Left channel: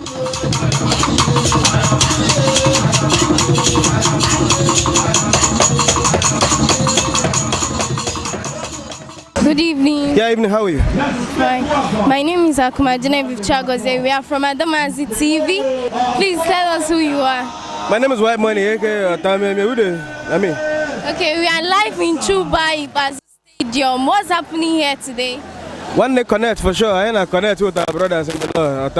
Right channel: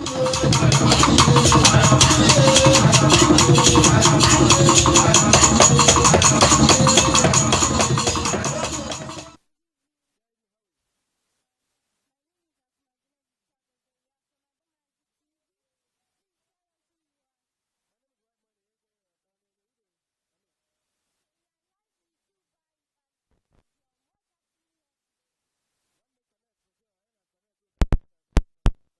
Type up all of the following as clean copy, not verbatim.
Good evening. Yeah, evening. How are you? Fine. My name is Akumadine Bivchagoze. We are from Adamazi TV. Please tell us who you are. My name is White Money. Okay, we are live in Chuba Ibazi Stadium. What's happening here today? Nwanne connect for sure. I connect with our brothers in the Lord.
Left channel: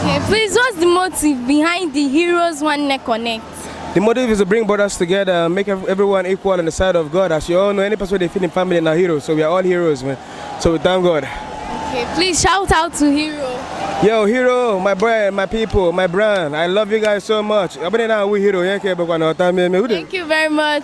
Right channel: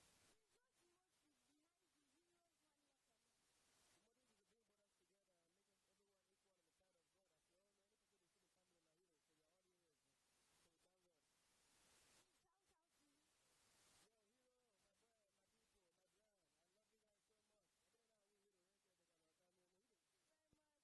Okay, please, what's the motive behind the Heroes Nwanne Connect? The motive is to bring brothers together, make everyone equal on the side of God. As you all know, any person they feel in family are heroes. So we are all heroes, man. So we thank God. Okay, please shout out to Hero. Yo, Hero, my brand, my people, my brand. I love you guys so much. Thank you very much.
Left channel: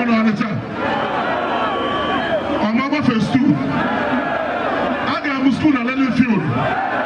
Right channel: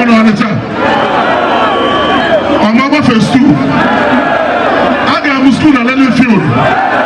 Governor Onitsha. On my first two. I got a school and let me field.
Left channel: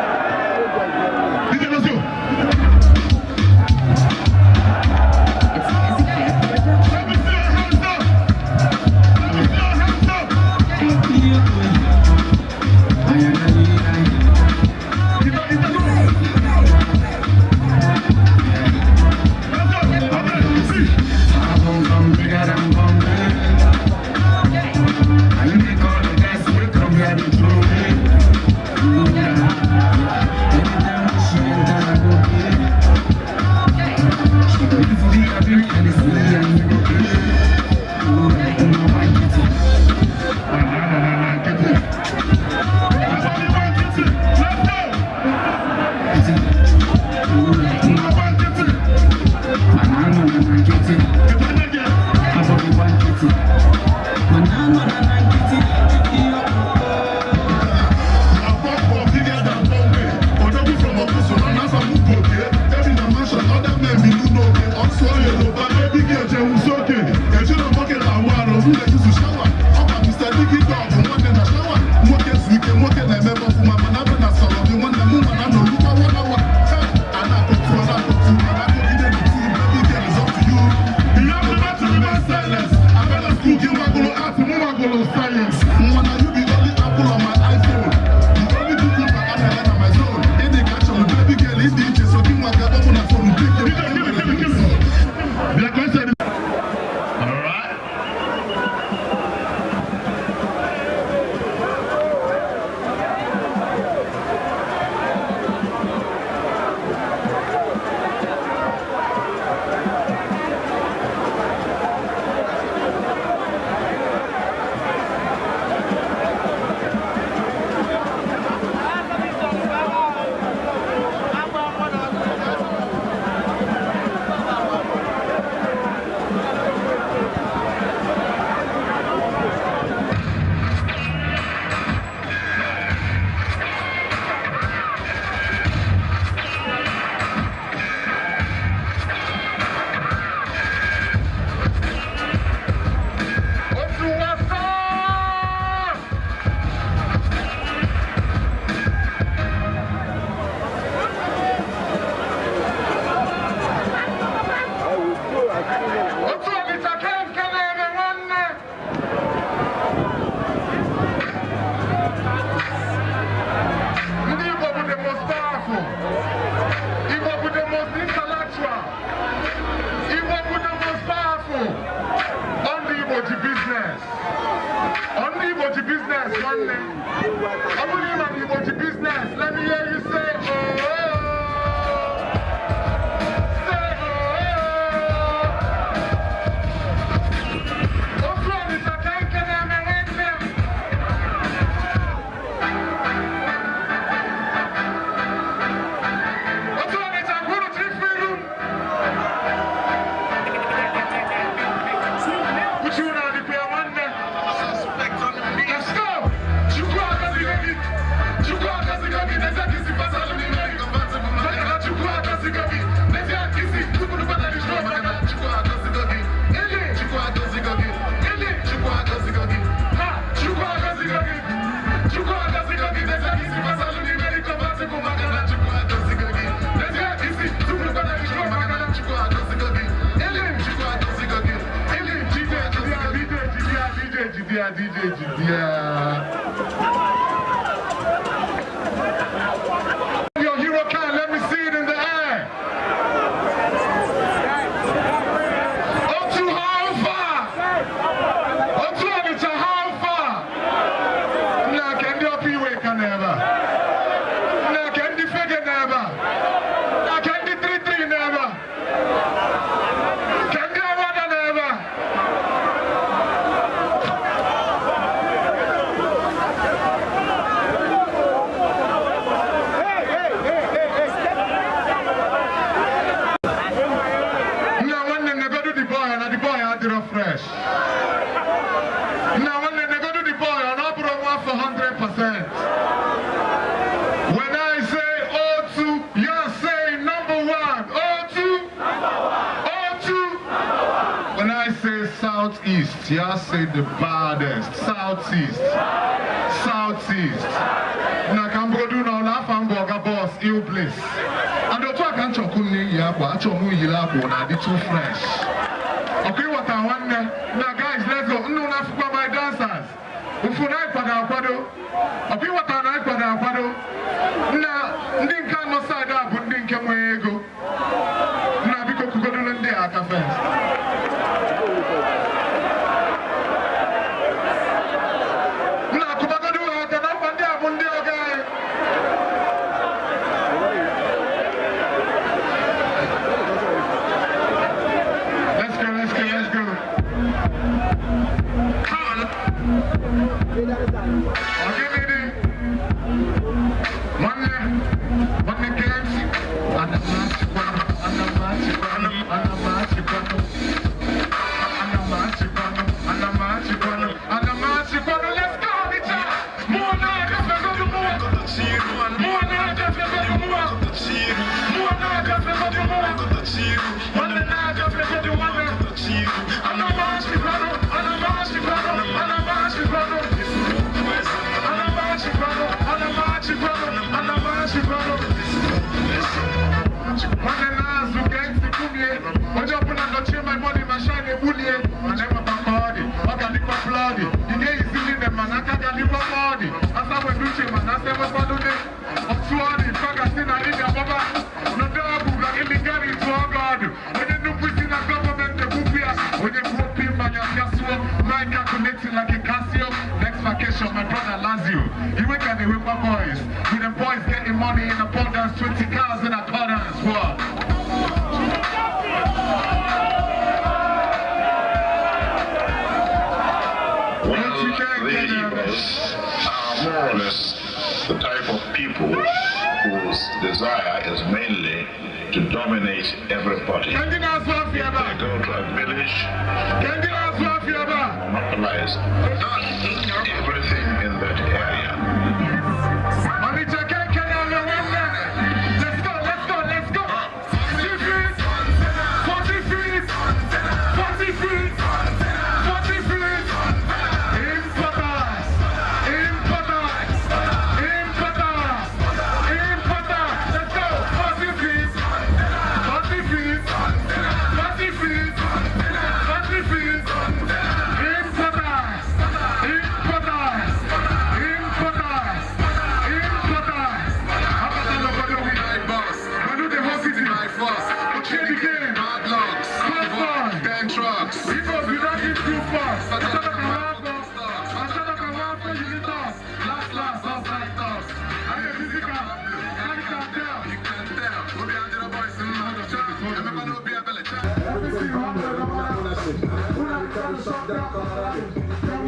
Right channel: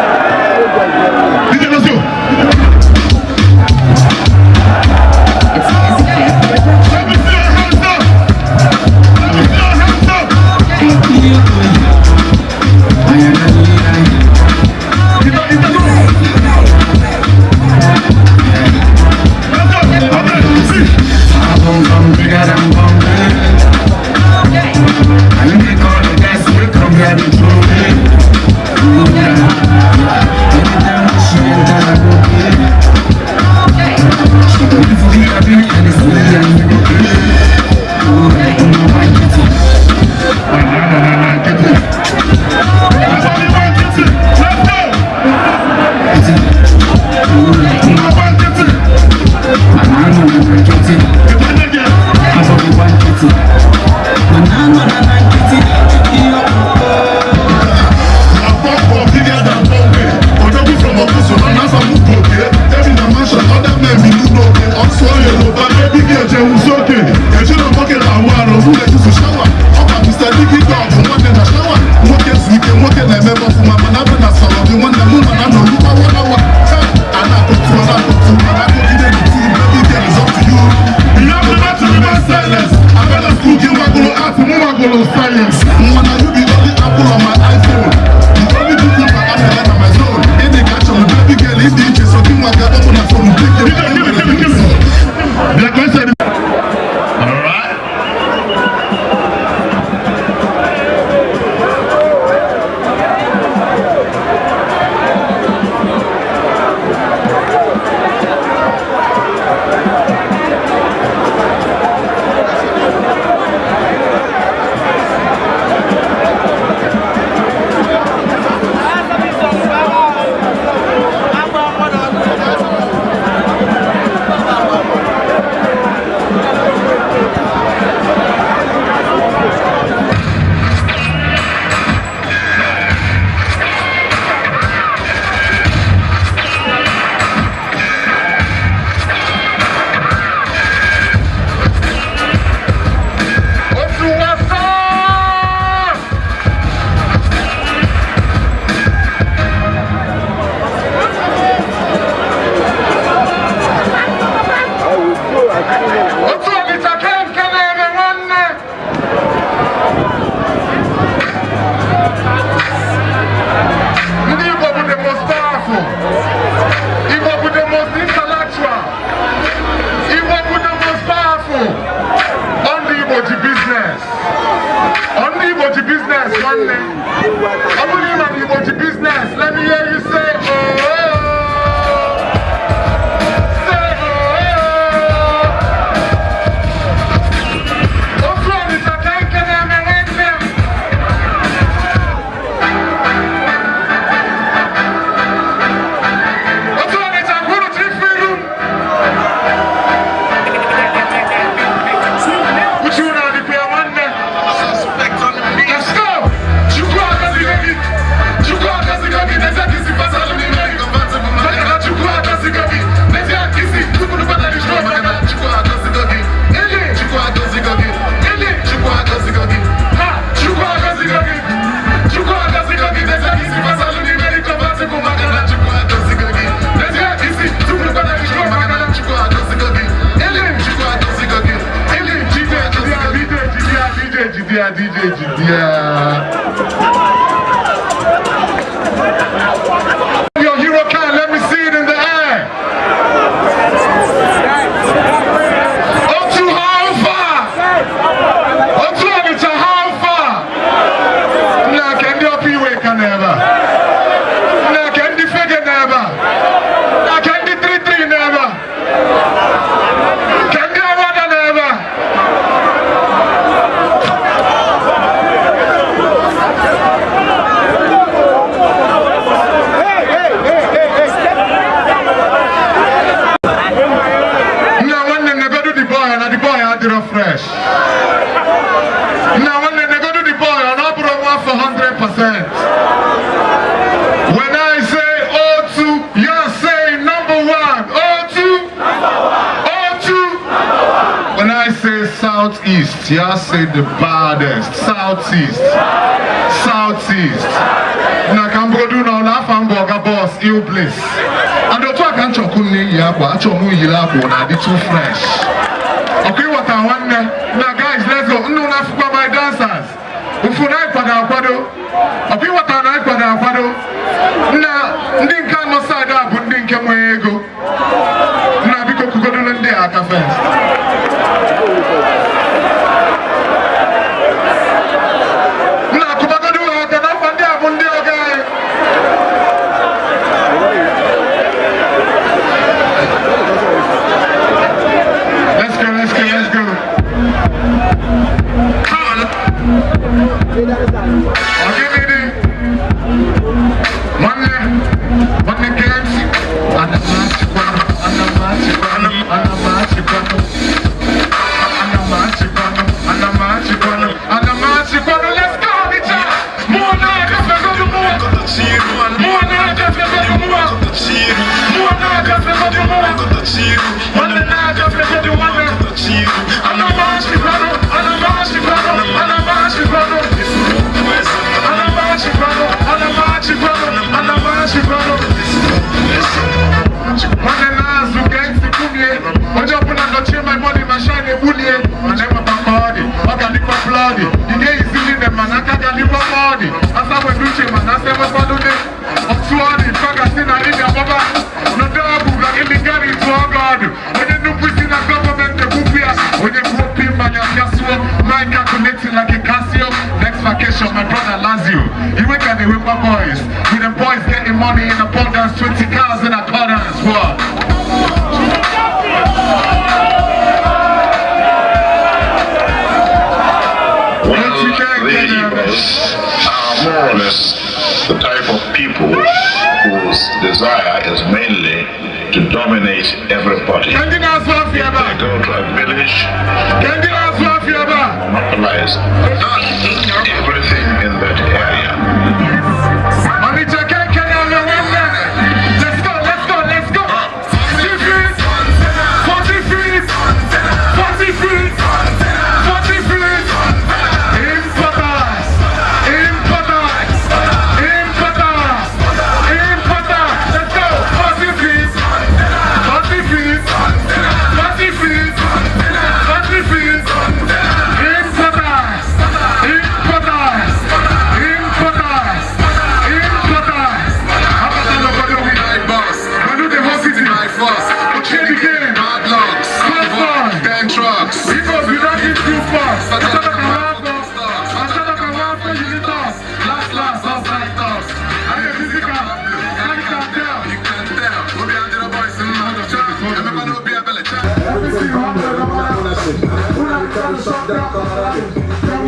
Did you know? Your hero can, let me see it in the air. fresh. Now when they go to the boy, I'm not for 100%. When I say O2, you're saying number one. O2, O2. When When I say southeast, you say the baddest. Southeast. Southeast. Now can go do now laugh and burger boss Ilblis. And the talk and chokuni yabo, achomu yilabo na the too fresh. Okay, what I want now guys, let's go. No na for my dancers. Ufunai pada kwado. Okay, what I pada kwado. Na ndinka no side up ndinka mwego. Na biko kugodo nende aka first. My brother Lazio, you wake up the Whipper boys. With them boys getting money in abundance, 20 cars in accordance. What? The Igbos are more or less the type of people whose desire is mainly to dominate everybody. If they go to a village, monopolize everything in that area. Let's go. 40 feet. 40 feet. 40 feet. 40 feet. Let's go. 40 feet. 40 feet. 40 feet. 40 feet.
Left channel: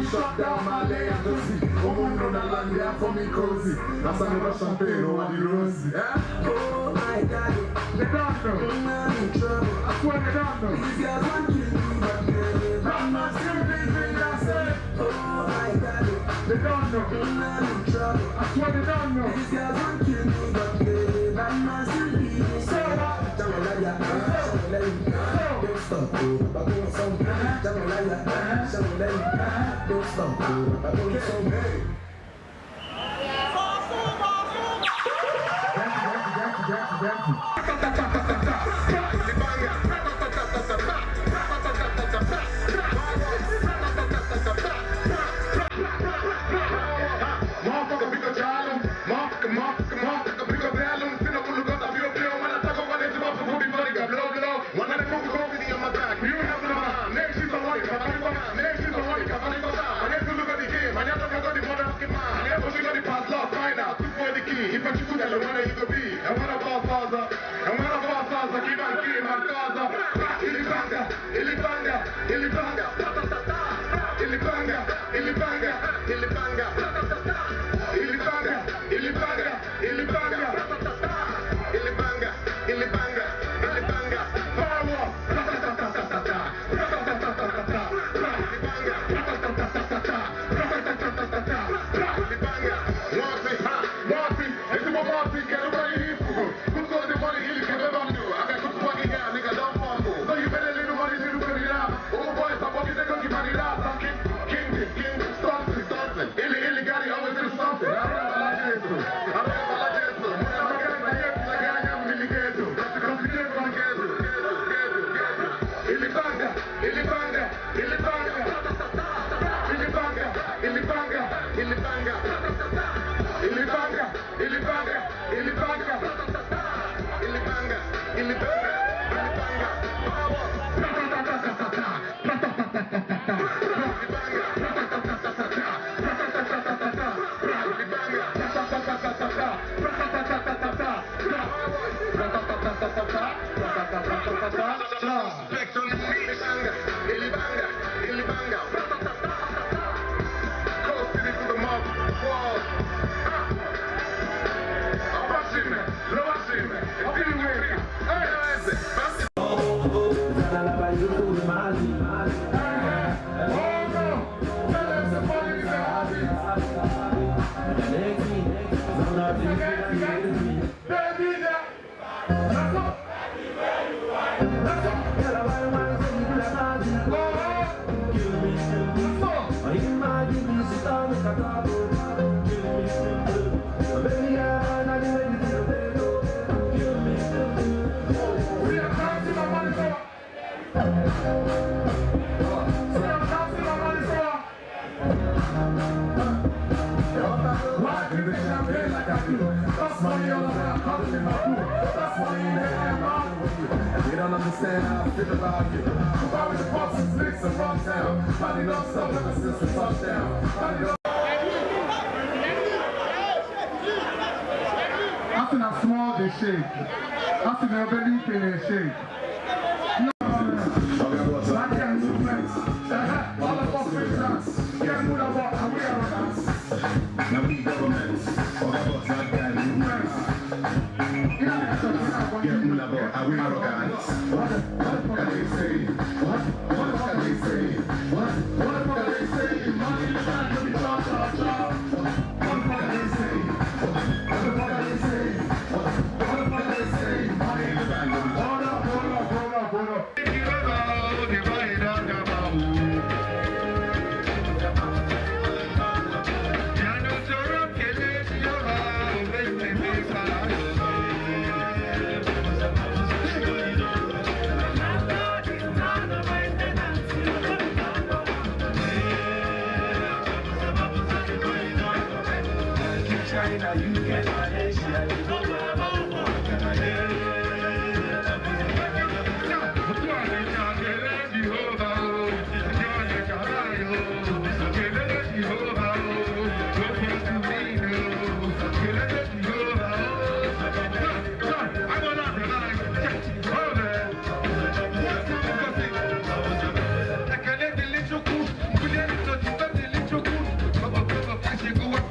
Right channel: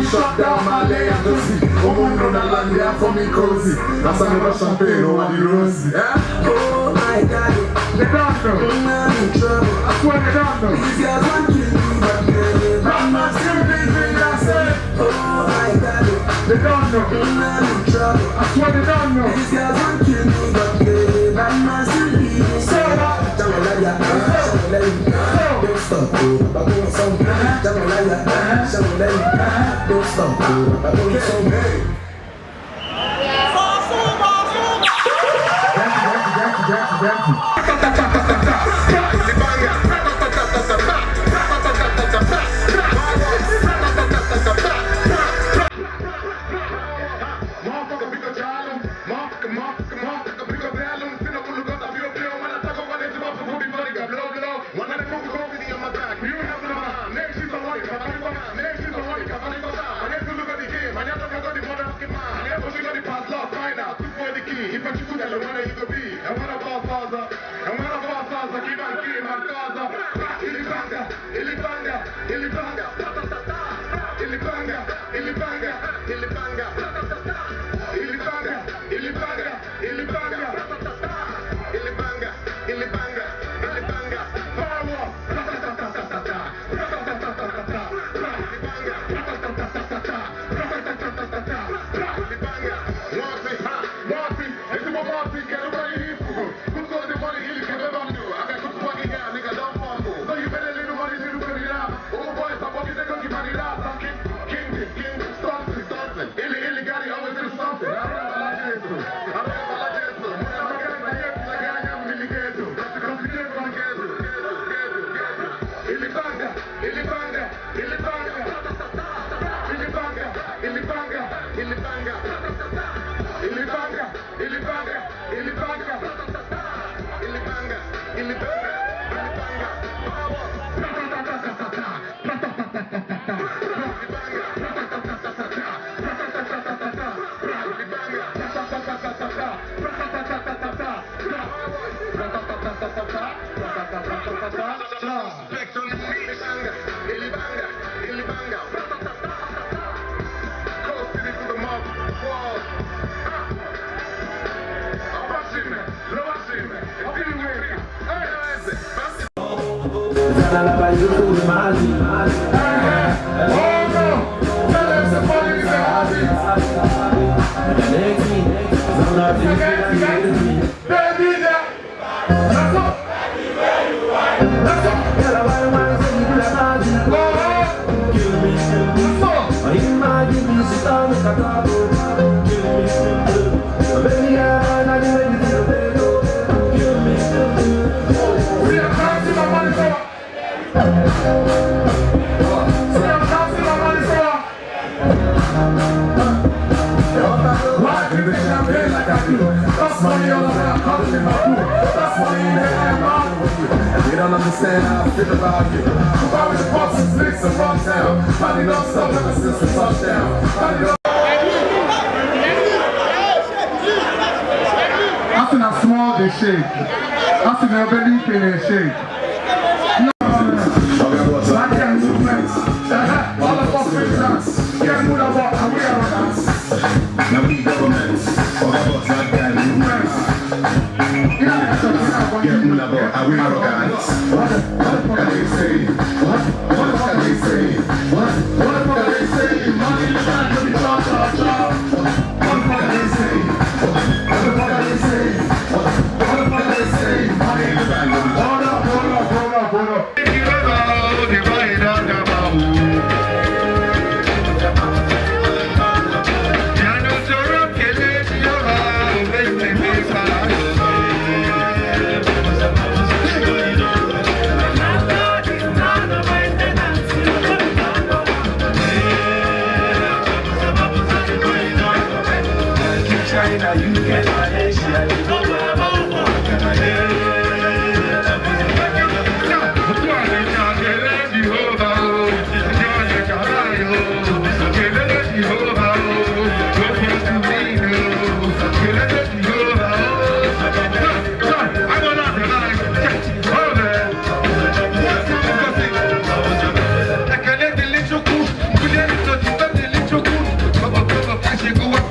Shut down my lay and go see. Oh, no, no, land there for me cozy. That's another champagne over the rosy. Oh my God, they don't know. I'm in trouble. I swear they don't know. These guys want to kill me, but I'm not still thinking I said. Oh my God, they don't know. I'm in trouble. I swear they don't know. These guys want to kill me, but I'm not still thinking. So what? Don't stop. Oh, You don't understand how I feel about you. Probably the boss is licks and run down. Probably no stuff ever since the touchdown. I think I small they shake. I think I belly pin they shake. I can't movement. All of us will dance. Can't move about and we are dance. Now we governments. All of us like that movements. Get me about how we arrogant. What can they say? What can they say? What can they say? Money in the bank, let me talk. What can they say? What can they say? What can they say? Money in the bank, let me talk. Hold up. Go up,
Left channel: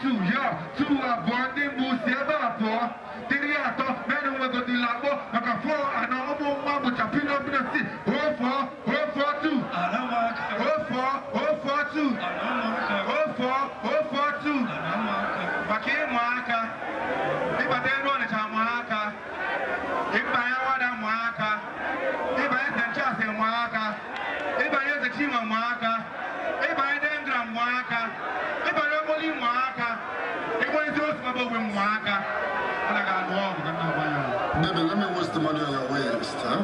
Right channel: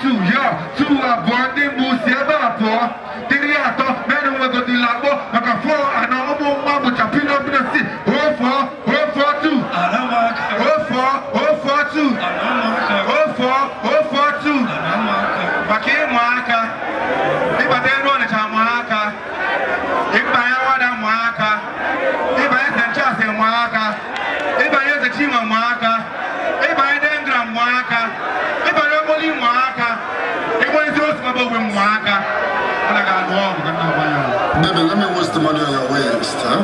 2, yeah. 2 abụọ ndị mbụ si ebe abụọ. 3 atọ mere nwegodi lakpọ maka 4 anọ ụmụ nwa bụcha pino si 04, 042. 04, 042. 04, 042. Maka ịmụ aka. Ịbata elu Onitsha mụ aka. Ịbanye Wada mụ aka. Ịbanye St. Charles mụ aka. Ịbanye Zechima mụ aka. Ịbanye Dengram mụ aka. Ịbanye Omoli mụ aka. Ịbanye Zoro mụ aka. Baby, let me waste the money on your waist, huh?